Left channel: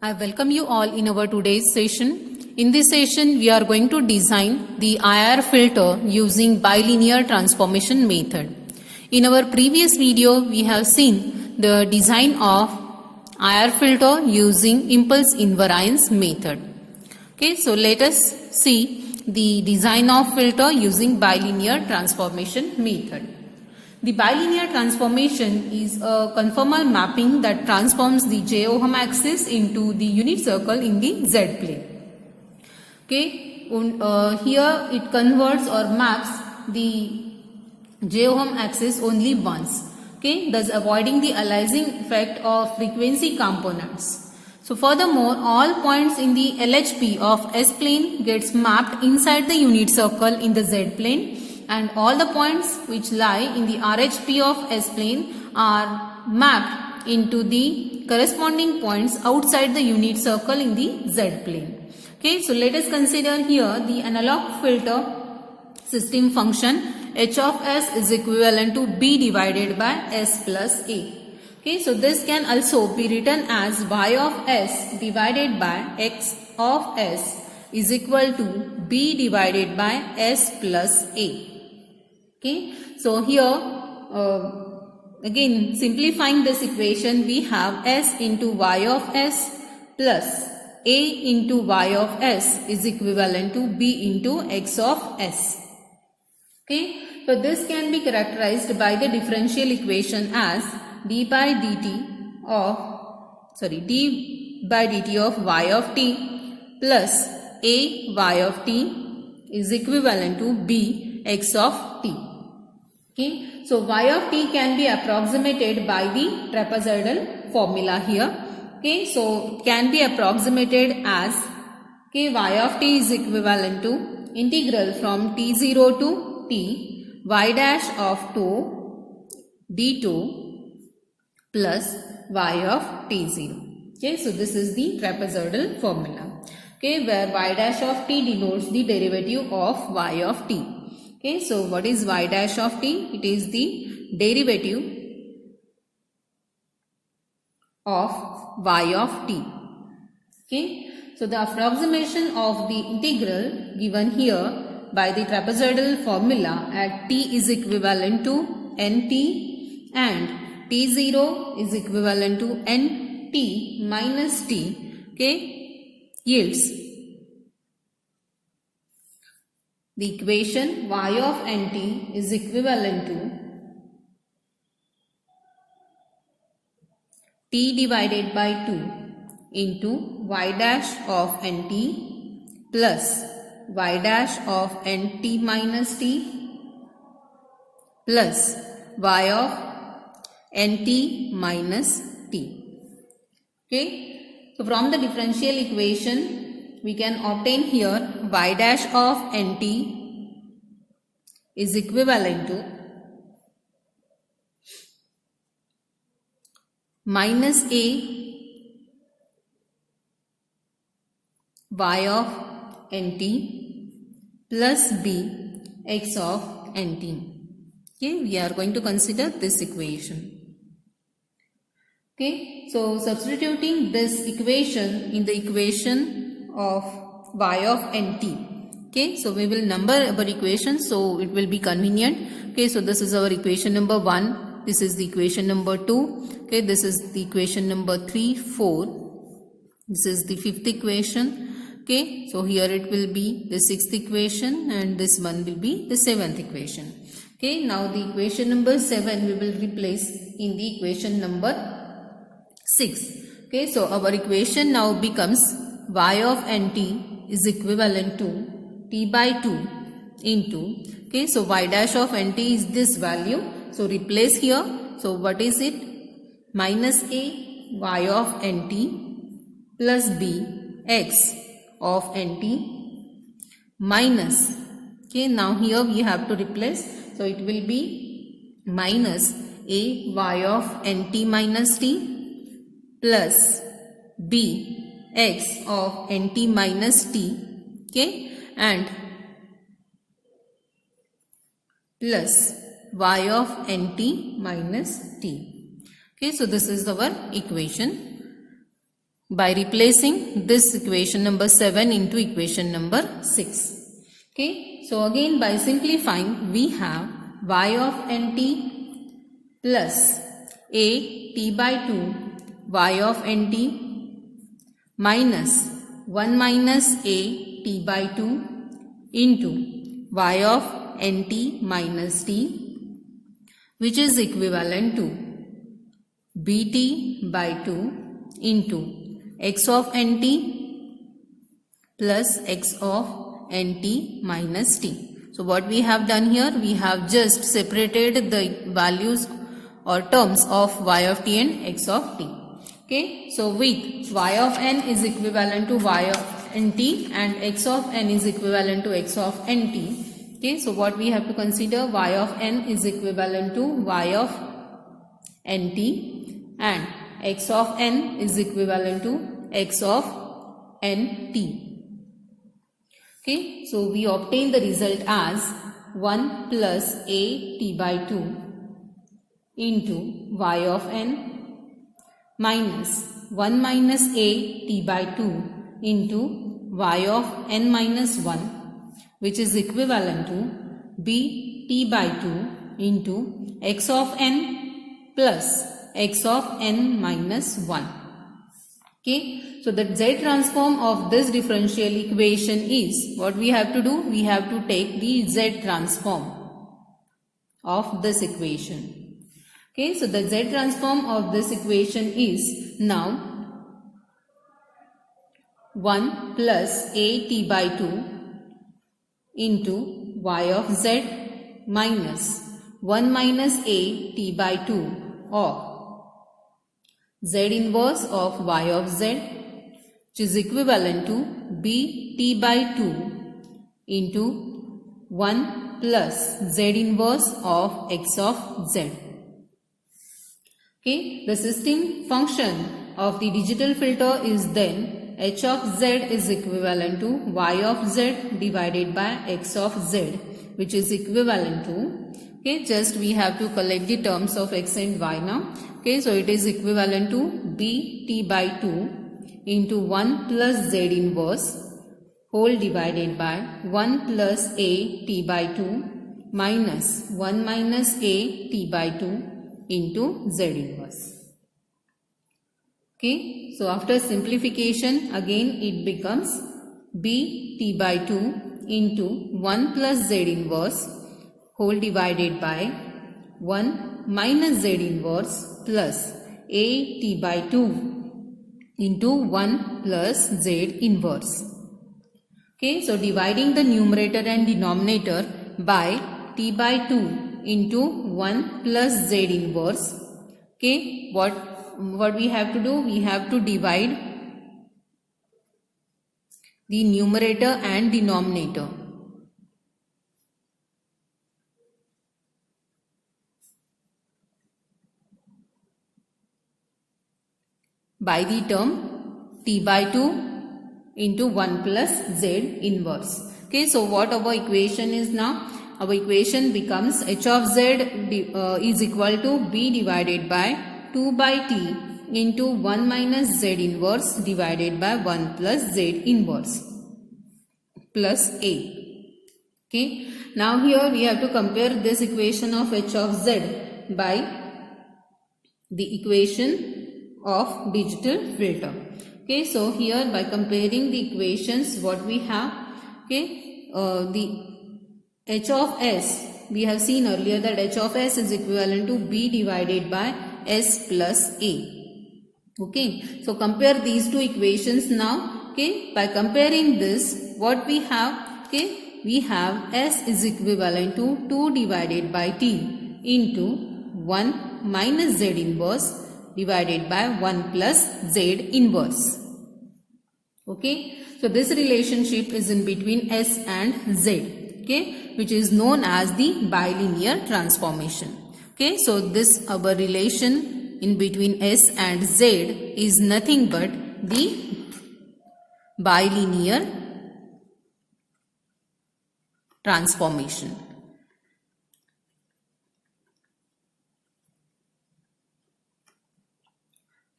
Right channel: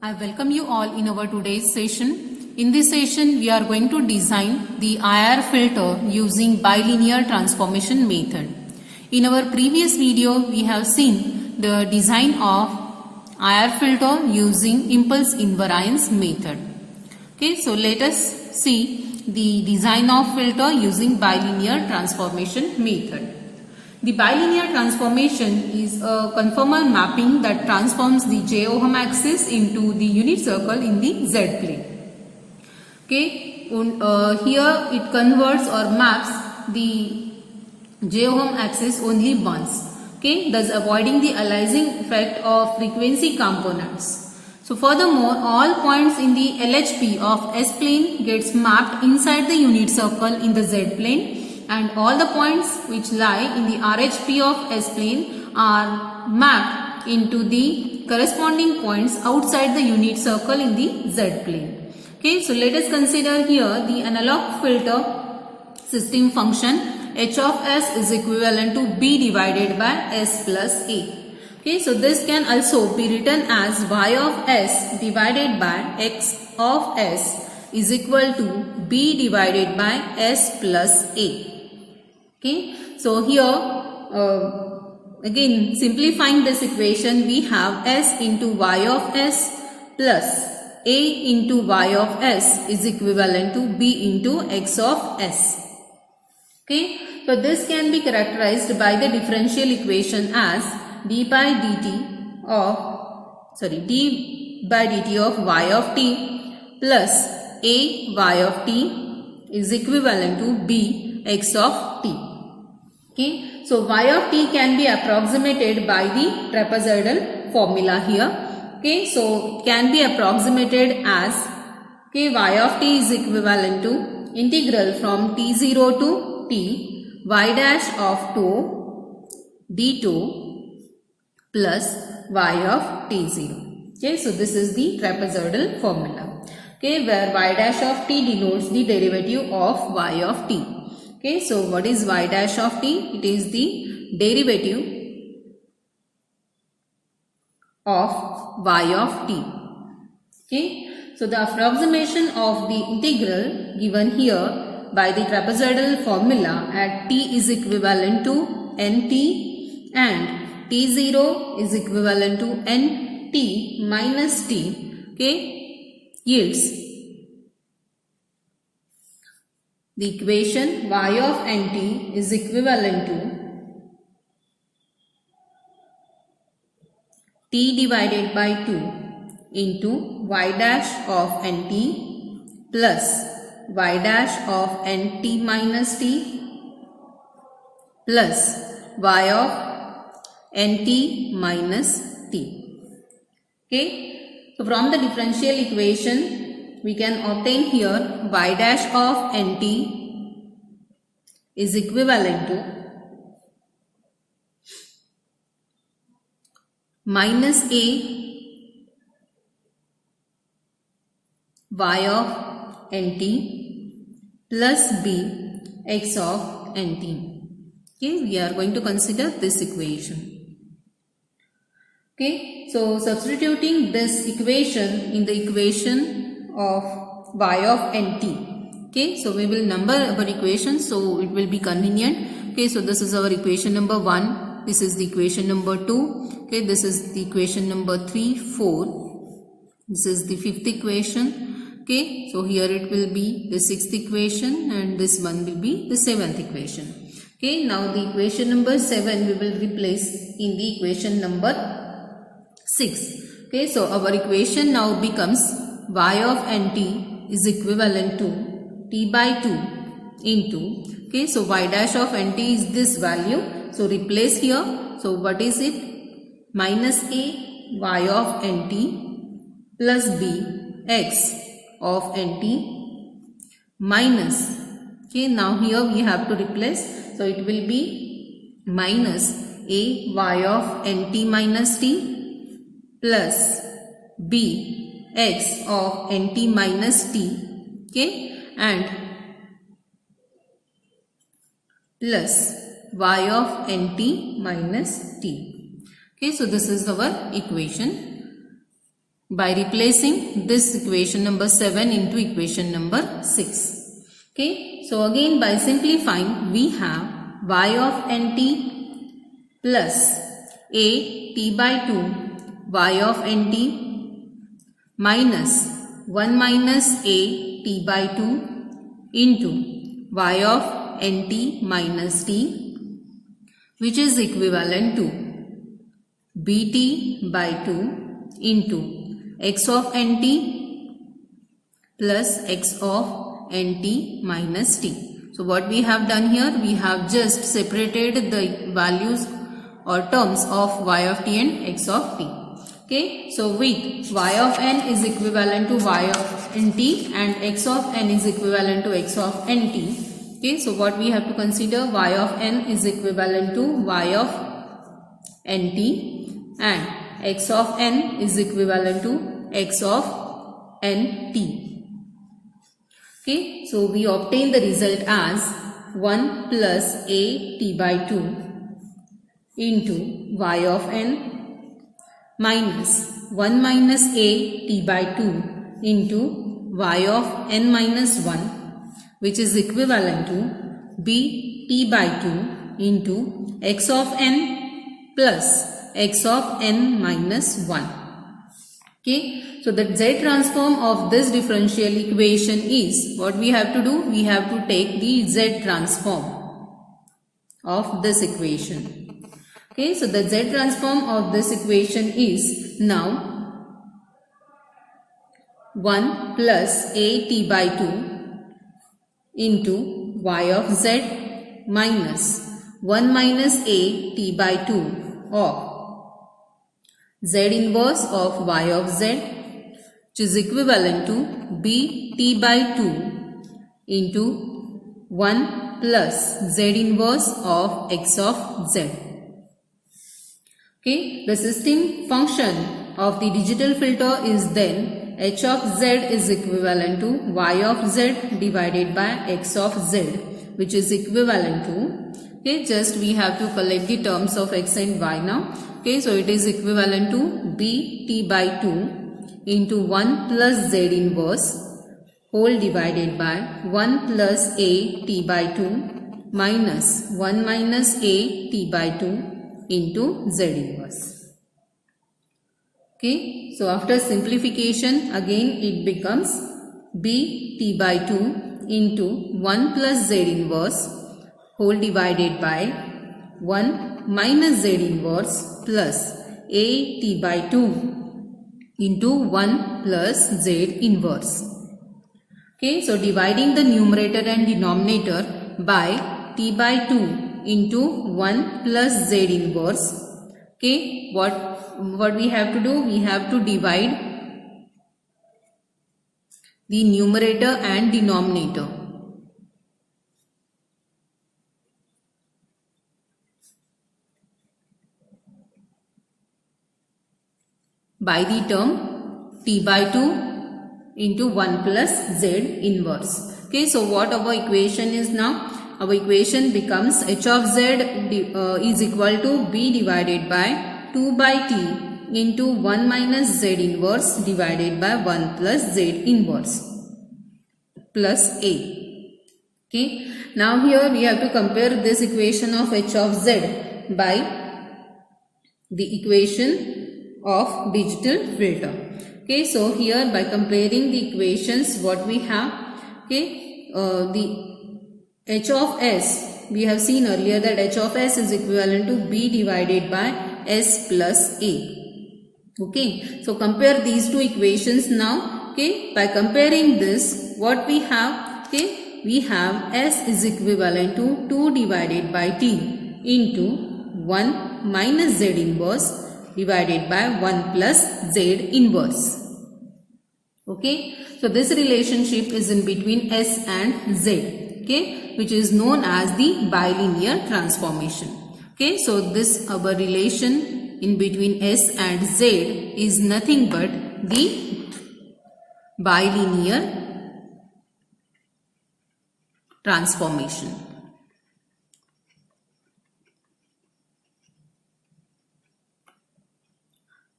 I welcome you all in our today's session. In this session, we are going to design the IR filter using bilinear transformation method. In our previous video, we have seen the design of IR filter using impulse invariance method. Okay, so let us see the design of filter using bilinear transformation method. The bilinear transformation is a conformal mapping that transforms the j-ohm axis into the unit circle in the z-plane. Okay, here it converts or maps the j-ohm axis only once. Okay, thus avoiding the aliasing effect of frequency components. So furthermore, all points in the LHP of S-plane gets mapped inside the unit circle in the Z-plane, and all the points which lie in the RHP of S-plane are mapped into the corresponding points outside the unit circle in the Z-plane. Okay, so let us consider here the analog filter system function H of S is equivalent to B divided by S plus A. Okay, so this can also be written as Y of S divided by X of S is equal to B divided by S plus A. Okay, so here again simplifying this equation, we have S into Y of S plus A into Y of S is equivalent to B into X of S. Okay, so this can be characterized by the differential equation as d by dt of y of t plus a y of t is equivalent to b x of t. Okay, so y of t can be approximated by the trapezoidal formula here. Okay, so it can be approximated as y of t is equivalent to integral from t0 to t y dash of 2 d2 plus y of t0. Okay, so this is the trapezoidal formula. Okay, where y dash of t denotes the derivative of y of t. Okay, so what is y dash of t? It is the derivative of y of t. Okay, so the approximation of the integral given here by the trapezoidal formula at t is equivalent to nt and t0 is equivalent to nt minus t, okay, yields the equation y of nt is equivalent to t divided by 2 into y dash of nt plus y dash of nt minus t plus y of nt minus t. Okay, so from the differential equation we can obtain here y dash of nt is equivalent to minus a y of nt plus b x of nt. Okay, we are going to consider this equation. Okay, so substituting this equation in the equation of y of nt. Okay, so we will number our equation so it will be convenient. Okay, so this is our equation number 1. This is the equation number 2. Okay, this is the equation number 3, 4. This is the 5th equation. Okay, so here it will be the 6th equation and this one will be the 7th equation. Okay, now the equation number 7 we will replace in the equation number 6. Okay, so our equation now becomes y of nt is equivalent to t by 2 into, okay, so y dash of nt is this value. So replace here. So what is it? Minus a y of nt plus b x of nt minus, okay, now here we have to replace. So it will be minus a y of nt minus t plus b x of nt minus t, okay, and plus y of nt minus t. Okay, so this is our equation. by replacing this equation number 7 into equation number 6. Okay, so again by simplifying we have y of nt plus a t by 2 y of nt minus 1 minus a t by 2 into y of nt minus t, which is equivalent to bt by 2 into x of nt plus x of nt minus t. So what we have done here, we have just separated the values or terms of y of t and x of t. Okay, so with y of n is equivalent to y of nt and x of n is equivalent to x of nt. Okay, so what we have to consider, y of n is equivalent to y of nt and x of n is equivalent to x of nt. Okay, so we obtain the result as 1 plus a t by 2 into y of n minus 1 minus a t by 2 into y of n minus 1, which is equivalent to b t by 2 into x of n plus x of n minus 1. Okay, so the z transform of this differential equation is, what we have to do, we have to take the z transform of this equation. Okay, so the z transform of this equation is now 1 plus a t by 2 into y of z minus 1 minus a t by 2 of z inverse of y of z, which is equivalent to b t by 2 into 1 plus z inverse of x of z. Okay, the system function of the digital filter is then h of z is equivalent to y of z divided by x of z, which is equivalent to, okay, just we have to collect the terms of x and y now. Okay, so it is equivalent to b t by 2 into 1 plus z inverse whole divided by 1 plus a t by 2 minus 1 minus a t by 2 into z inverse. Okay, so after simplification again it becomes b t by 2 into 1 plus z inverse whole divided by 1 minus z inverse plus a t by 2 into 1 plus z inverse. Okay, so dividing the numerator and denominator by t by 2 into 1 plus z inverse. Okay, what we have to do? We have to divide the numerator and denominator by the term t by 2 into 1 plus z inverse. Okay, so what our equation is now? Our equation becomes h of z is equal to b divided by 2 by t into 1 minus z inverse divided by 1 plus z inverse plus a. Okay, now here we have to compare this equation of h of z by the equation of digital filter. Okay, so here by comparing the equations, what we have, okay, the h of s, we have seen earlier that h of s is equivalent to b divided by s plus a. Okay, so compare these two equations now. Okay, by comparing this, what we have, okay, we have s is equivalent to 2 divided by t into 1 minus z inverse divided by 1 plus z inverse. Okay, so this relationship is in between s and z, okay, which is known as the bilinear transformation. Okay, so this our relation in between s and z is nothing but the bilinear transformation.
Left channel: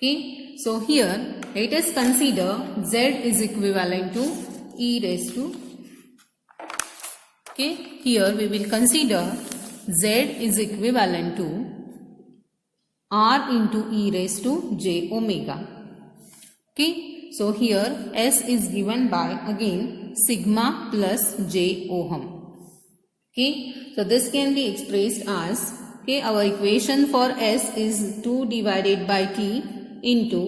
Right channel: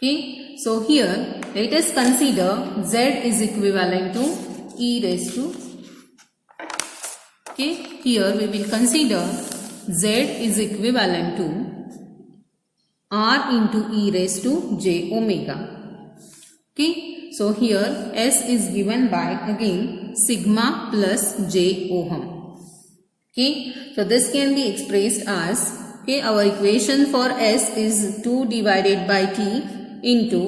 Okay, so here let us consider z is equivalent to e raised to, okay, here we will consider z is equivalent to r into e raised to j omega. Okay, so here s is given by again sigma plus j ohm. Okay, so this can be expressed as, okay, our equation for s is 2 divided by t into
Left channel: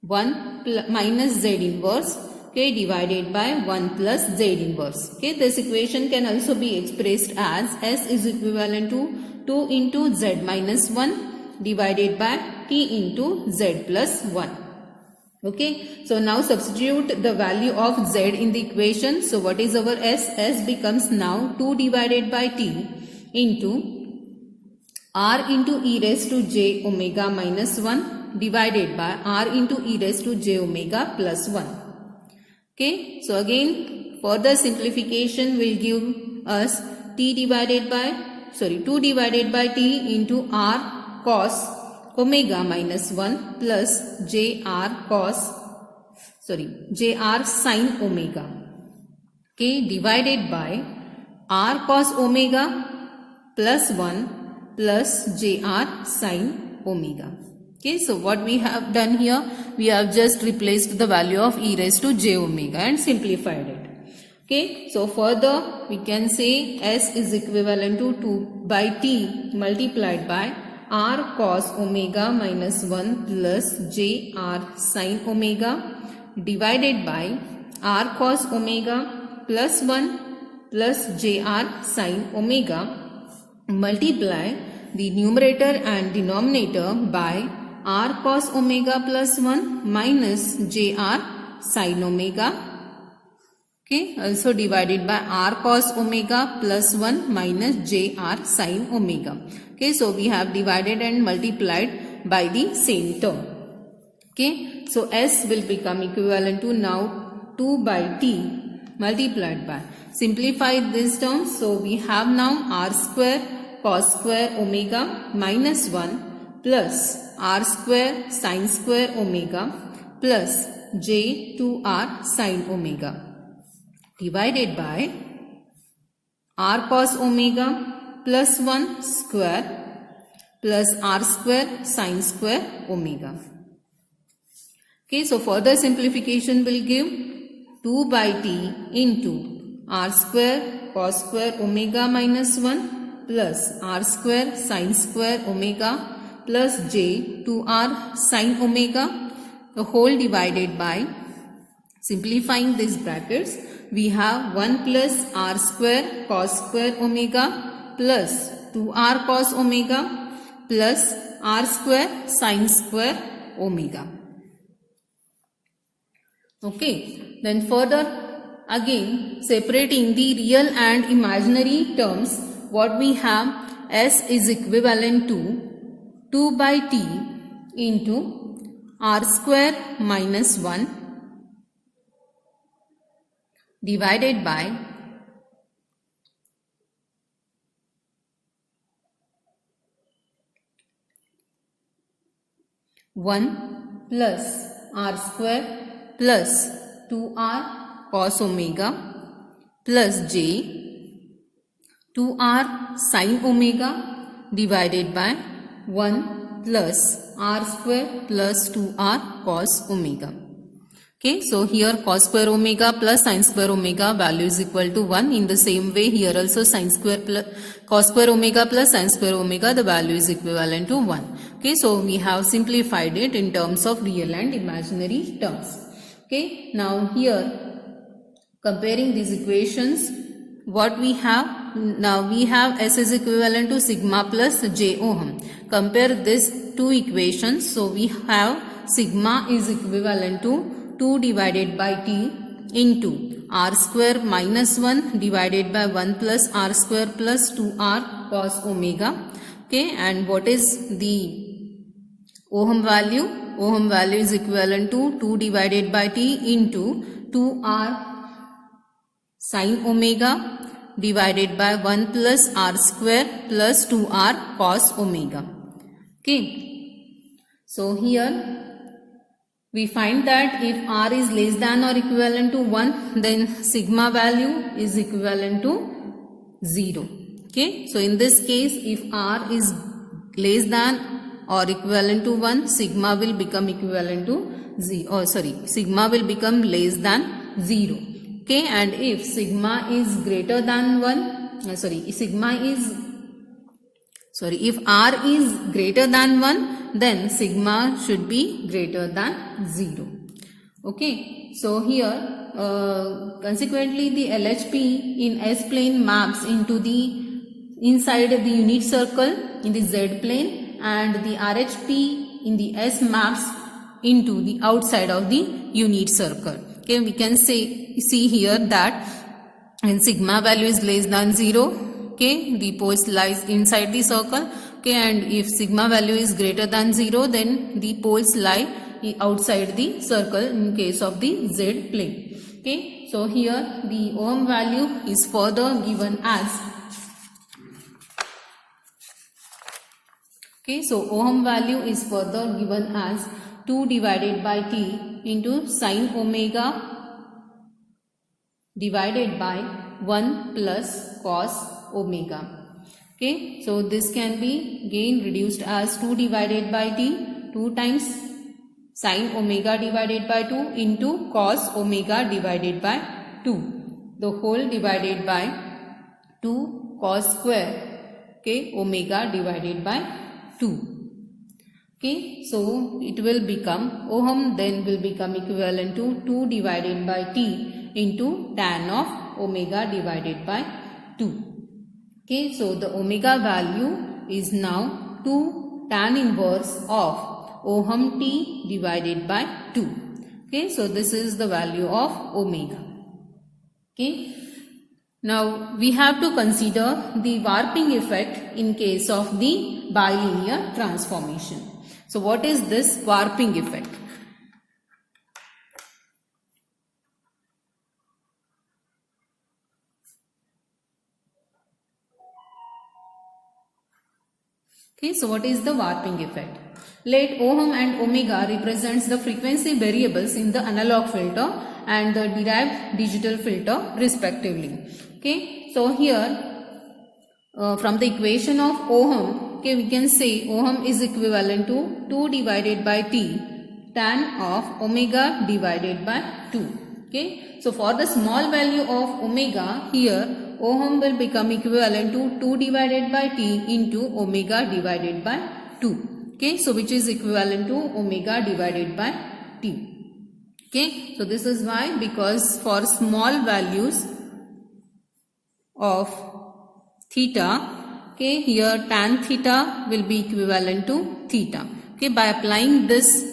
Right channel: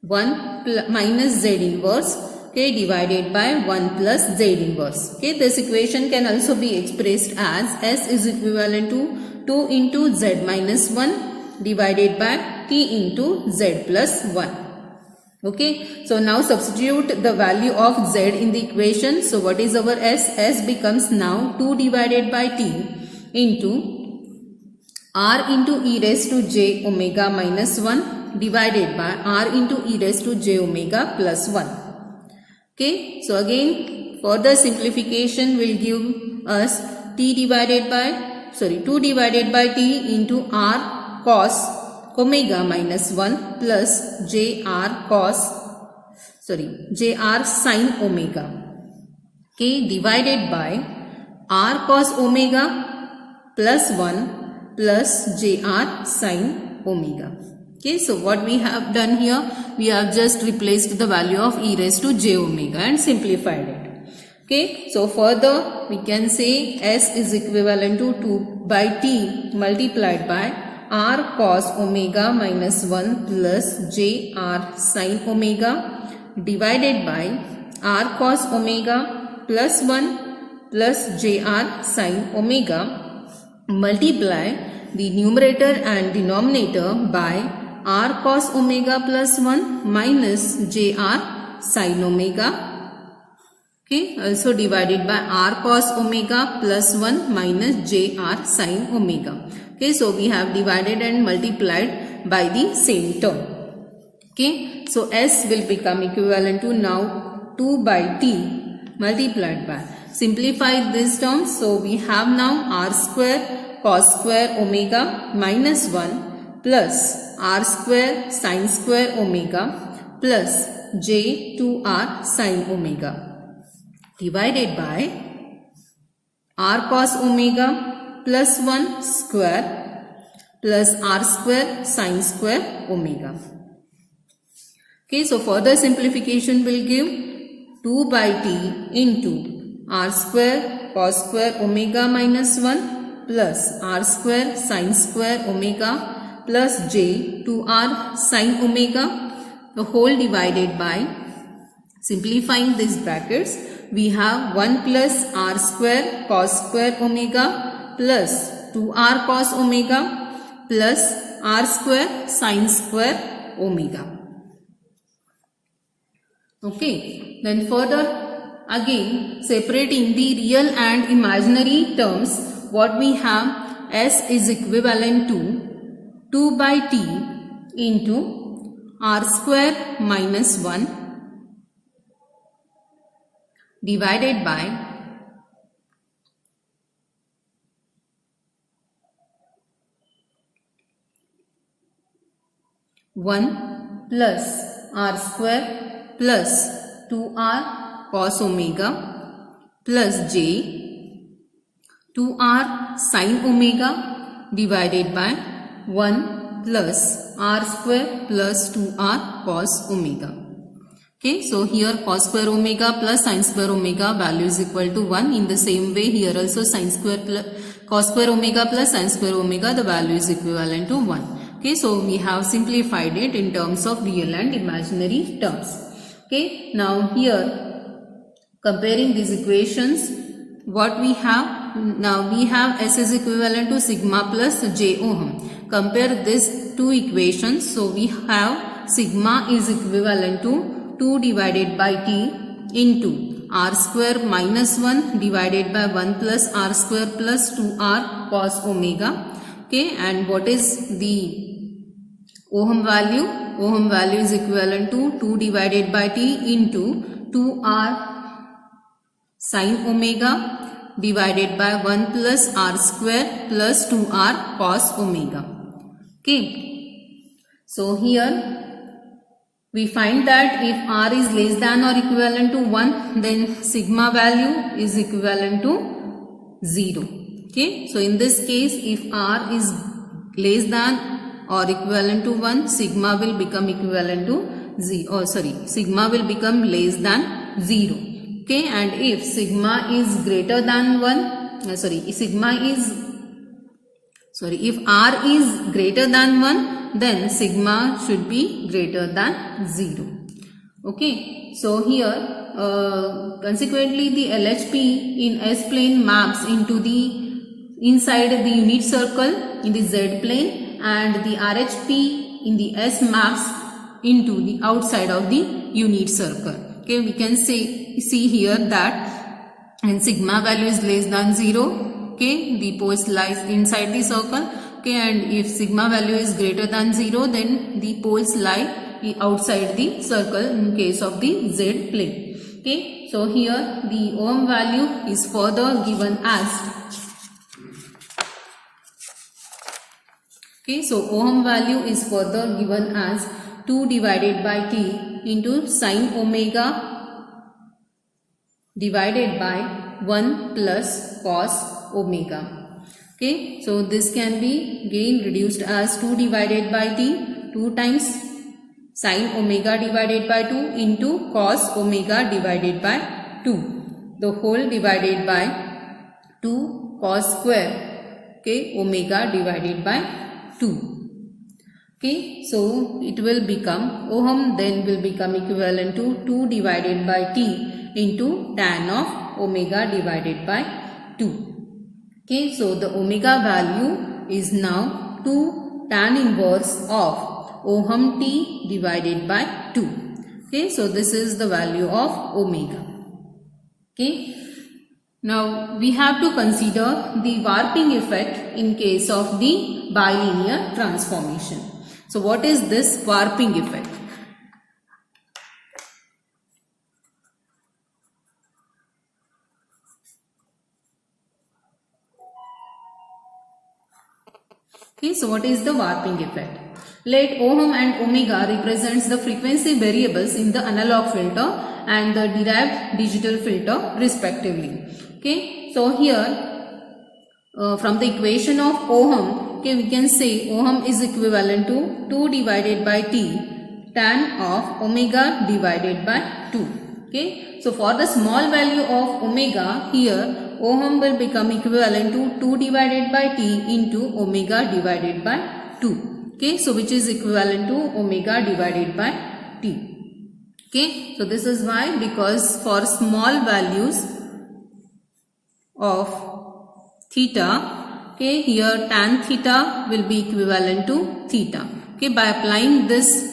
1 minus z inverse, okay, divided by 1 plus z inverse. Okay, this equation can also be expressed as s is equivalent to 2 into z minus 1 divided by t into z plus 1. Okay, so now substitute the value of z in the equation. So what is our s? S becomes now 2 divided by t into r into e raised to j omega minus 1 divided by r into e raised to j omega plus 1. Okay, so again further simplification will give us 2 divided by t into r cos omega minus 1 plus jr sin omega, okay, divided by r cos omega plus 1 plus jr sin omega. Okay, so what we have done here, we have just replaced the value of e raised to j omega and simplified it. Okay, so further we can say s is equivalent to 2 by t multiplied by r cos omega minus 1 plus jr sin omega divided by r cos omega plus 1 plus jr sin omega, multiply the numerator and denominator by r cos omega plus 1 minus jr sin omega, okay, also divided by r cos omega plus 1 minus jr sin omega. Okay, so we have divided and multiplied by the same term. Okay, so s will become equivalent to now 2 by t multiplied by, simplify this term, so we have now r square cos square omega minus 1 plus r square sin square omega plus j 2r sin omega divided by r cos omega plus 1 square plus r square sin square omega. Okay, so further simplification will give 2 by t into r square cos square omega minus 1 plus r square sin square omega plus j 2r sin omega, the whole divided by, simplifying these brackets, we have 1 plus r square cos square omega plus 2r cos omega plus r square sin square omega. Okay, then further again separating the real and imaginary terms, what we have, s is equivalent to 2 by t into r square minus 1 divided by 1 plus r square plus 2r cos omega plus j 2r sin omega divided by 1 plus r square plus 2r cos omega. Okay, so here cos square omega plus sin square omega value is equal to 1. In the same way here also sin square plus cos square omega plus sin square omega, the value is equivalent to 1. Okay, so we have simplified it in terms of real and imaginary terms. Okay, now here comparing these equations, what we have, now we have s is equivalent to sigma plus j ohm. Compare these two equations, so we have sigma is equivalent to 2 divided by t into r square minus 1 divided by 1 plus r square plus 2r cos omega. Okay, and what is the ohm value? Ohm value is equivalent to 2 divided by t into 2r sin omega divided by 1 plus r square plus 2r cos omega. Okay, So here we find that if R is less than or equivalent to 1, then sigma value is equivalent to 0. Okay, so in this case, if R is less than or equivalent to 1, sigma will become equivalent to 0. Sigma will become less than 0. Okay, and if sigma is greater than 1, if R is greater than 1, then sigma should be greater than 0. Okay, so here consequently the LHP in S plane maps into the inside the unit circle in the Z plane, and the RHP in the S maps into the outside of the unit circle. Okay, we can see here that when sigma value is less than 0, okay, the poles lies inside the circle. Okay, and if sigma value is greater than 0, then the poles lie outside the circle in case of the Z plane. Okay, so here the ohm value is further given as, okay, so ohm value is further given as 2 divided by T into sine omega divided by 1 plus cos omega. Okay, so this can be again reduced as 2 divided by T, 2 times sine omega divided by 2 into cos omega divided by 2, the whole divided by 2 cos square, okay, omega divided by 2. Okay, so it will become, ohm then will become equivalent to 2 divided by T into tan of omega divided by 2. Okay, so the omega value is now 2 tan inverse of ohm T divided by 2. Okay, so this is the value of omega. Okay, now we have to consider the warping effect in case of the bilinear transformation. So what is this warping effect? Okay, so what is the warping effect? Let ohm and omega represents the frequency variables in the analog filter and the derived digital filter respectively. Okay, so here from the equation of ohm, okay, we can say ohm is equivalent to 2 divided by T tan of omega divided by 2. Okay, so for the small value of omega, here ohm will become equivalent to 2 divided by T into omega divided by 2. Okay, so which is equivalent to omega divided by T. Okay, so this is why, because for small values of theta, okay, here tan theta will be equivalent to theta. Okay, by applying this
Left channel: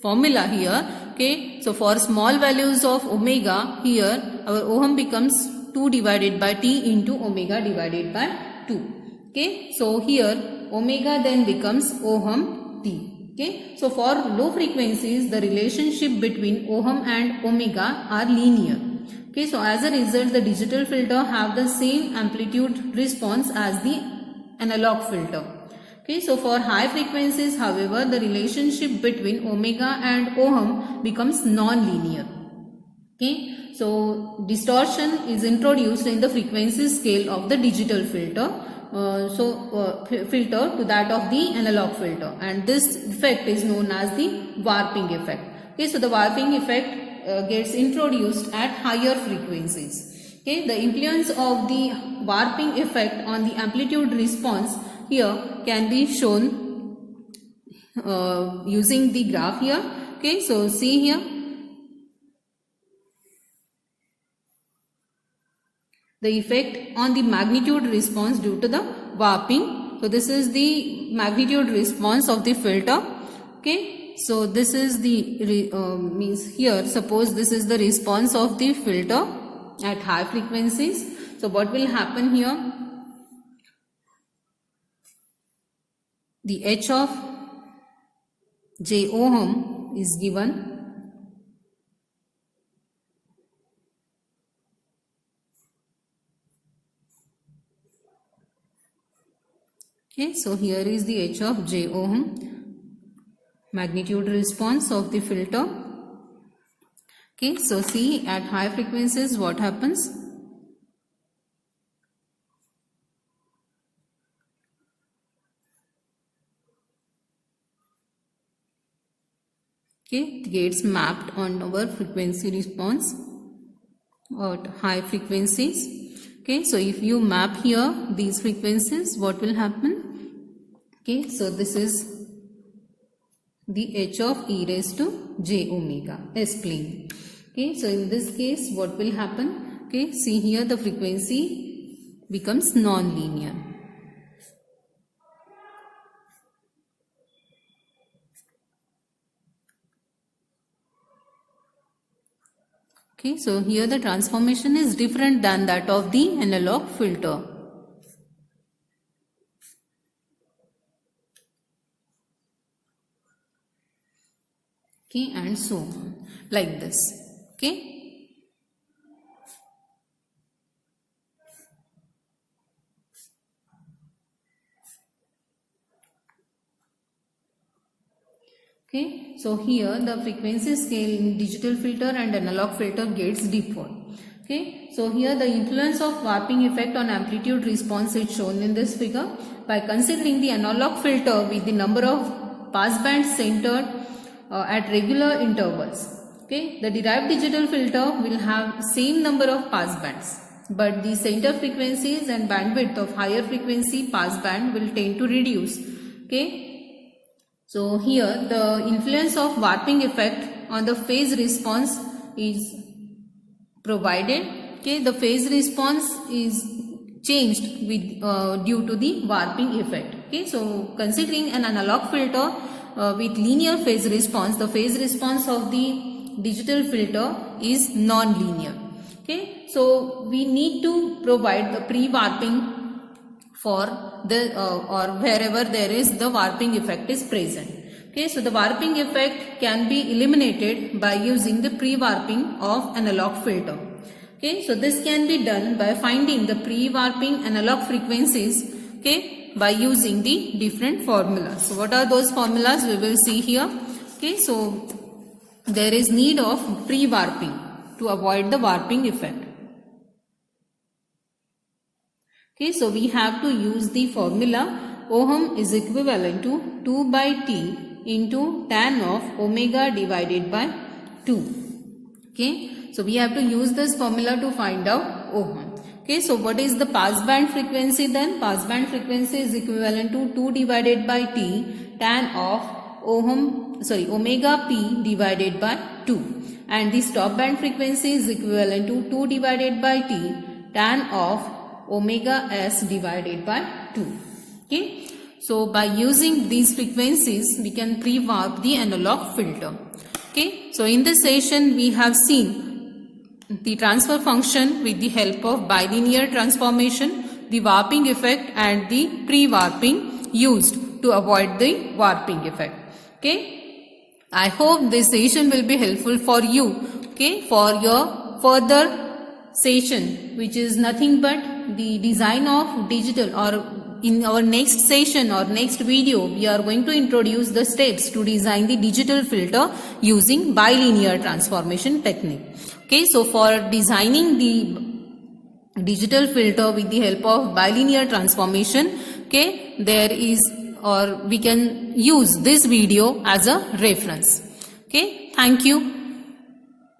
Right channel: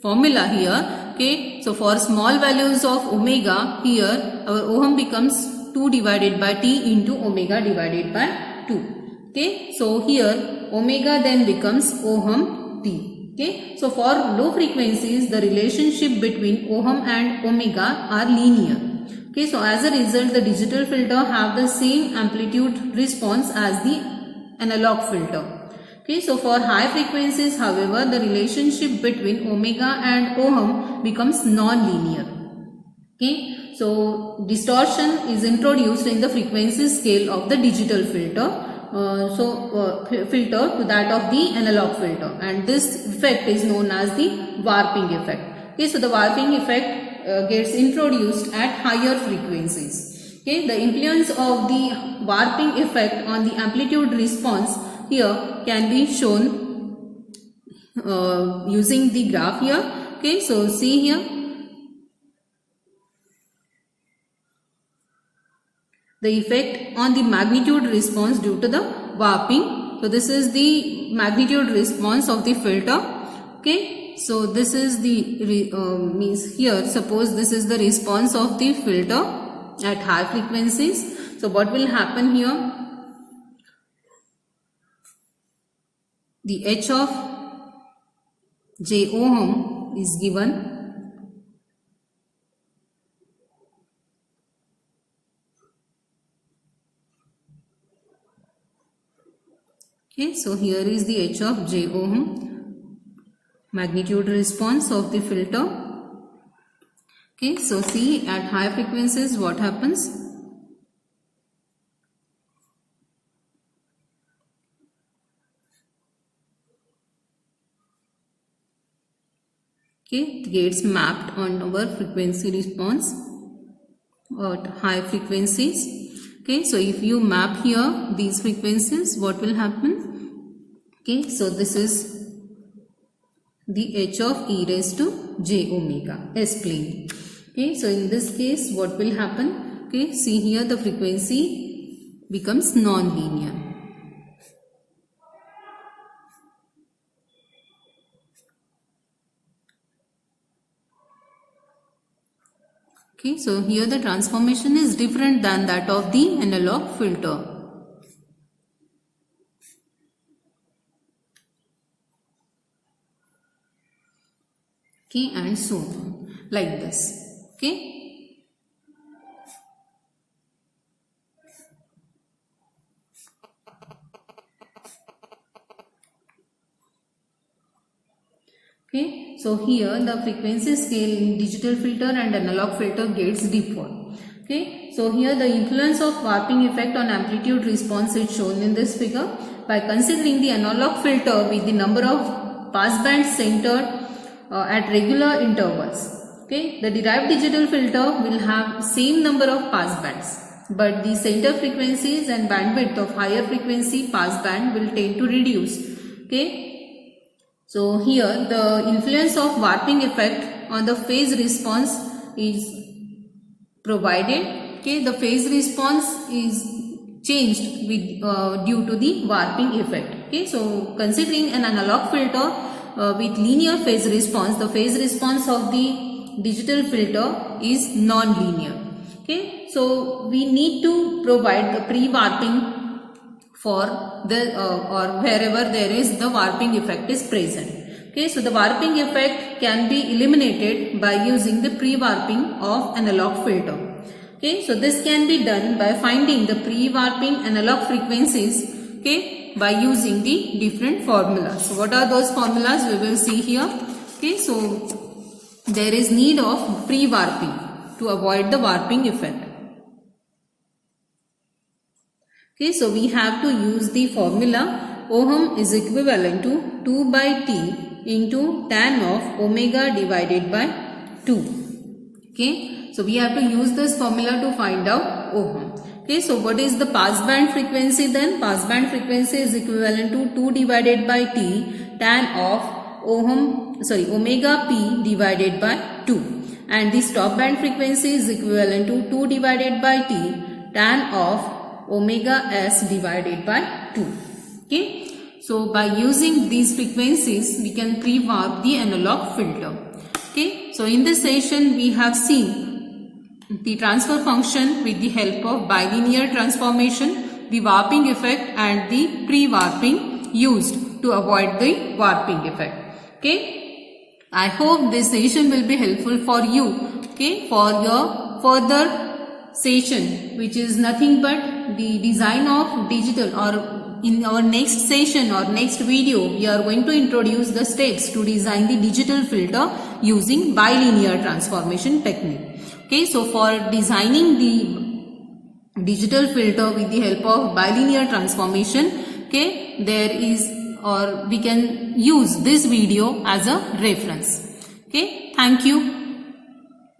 formula here, okay, so for small values of omega, here our ohm becomes 2 divided by T into omega divided by 2. Okay, so here omega then becomes ohm T. Okay, so for low frequencies, the relationship between ohm and omega are linear. Okay, so as a result, the digital filter have the same amplitude response as the analog filter. Okay, so for high frequencies, however, the relationship between omega and ohm becomes non-linear. Okay, so distortion is introduced in the frequency scale of the digital filter. Filter to that of the analog filter, and this effect is known as the warping effect. Okay, so the warping effect gets introduced at higher frequencies. Okay, the influence of the warping effect on the amplitude response here can be shown using the graph here. Okay, so see here. The effect on the magnitude response due to the warping. So this is the magnitude response of the filter. Okay, so this is the means here, suppose this is the response of the filter at high frequencies. So what will happen here? The H of j ohm is given. Okay, so here is the H of j ohm. magnitude response of the filter. Okay, so see at high frequencies what happens. Okay, it gets mapped on our frequency response at high frequencies. Okay, so if you map here these frequencies, what will happen? Okay, so this is the h of e raised to j omega s plane. Okay, so in this case what will happen? Okay, see here the frequency becomes non-linear. Okay, so here the transformation is different than that of the analog filter. Okay, and so on, like this. Okay. Okay, so here the frequency scale in digital filter and analog filter gets differ. Okay, so here the influence of warping effect on amplitude response is shown in this figure by considering the analog filter with the number of passbands centered at regular intervals. Okay, the derived digital filter will have same number of passbands, but the center frequencies and bandwidth of higher frequency passband will tend to reduce. Okay. So here the influence of warping effect on the phase response is provided. Okay, the phase response is changed with due to the warping effect. Okay, so considering an analog filter with linear phase response, the phase response of the digital filter is non-linear. Okay, so we need to provide the pre-warping for the or wherever there is the warping effect is present. Okay, so the warping effect can be eliminated by using the pre-warping of analog filter. Okay, so this can be done by finding the pre-warping analog frequencies, okay, by using the different formulas. So what are those formulas? We will see here. Okay, so there is need of pre-warping to avoid the warping effect. Okay, so we have to use the formula ohm is equivalent to 2 by T into tan of omega divided by 2. Okay, so we have to use this formula to find out ohm. Okay, so what is the passband frequency then? Passband frequency is equivalent to 2 divided by T tan of omega p divided by 2, and the stop band frequency is equivalent to 2 divided by T tan of omega s divided by 2. Okay, so by using these frequencies we can pre-warp the analog filter. Okay, so in this session we have seen the transfer function with the help of bilinear transformation, the warping effect and the pre-warping used to avoid the warping effect. Okay, I hope this session will be helpful for you. Okay, for your further session, which is nothing but the design of digital, or in our next session or next video we are going to introduce the steps to design the digital filter using bilinear transformation technique. Okay, so for designing the digital filter with the help of bilinear transformation, okay, there is, or we can use this video as a reference. Okay, thank you.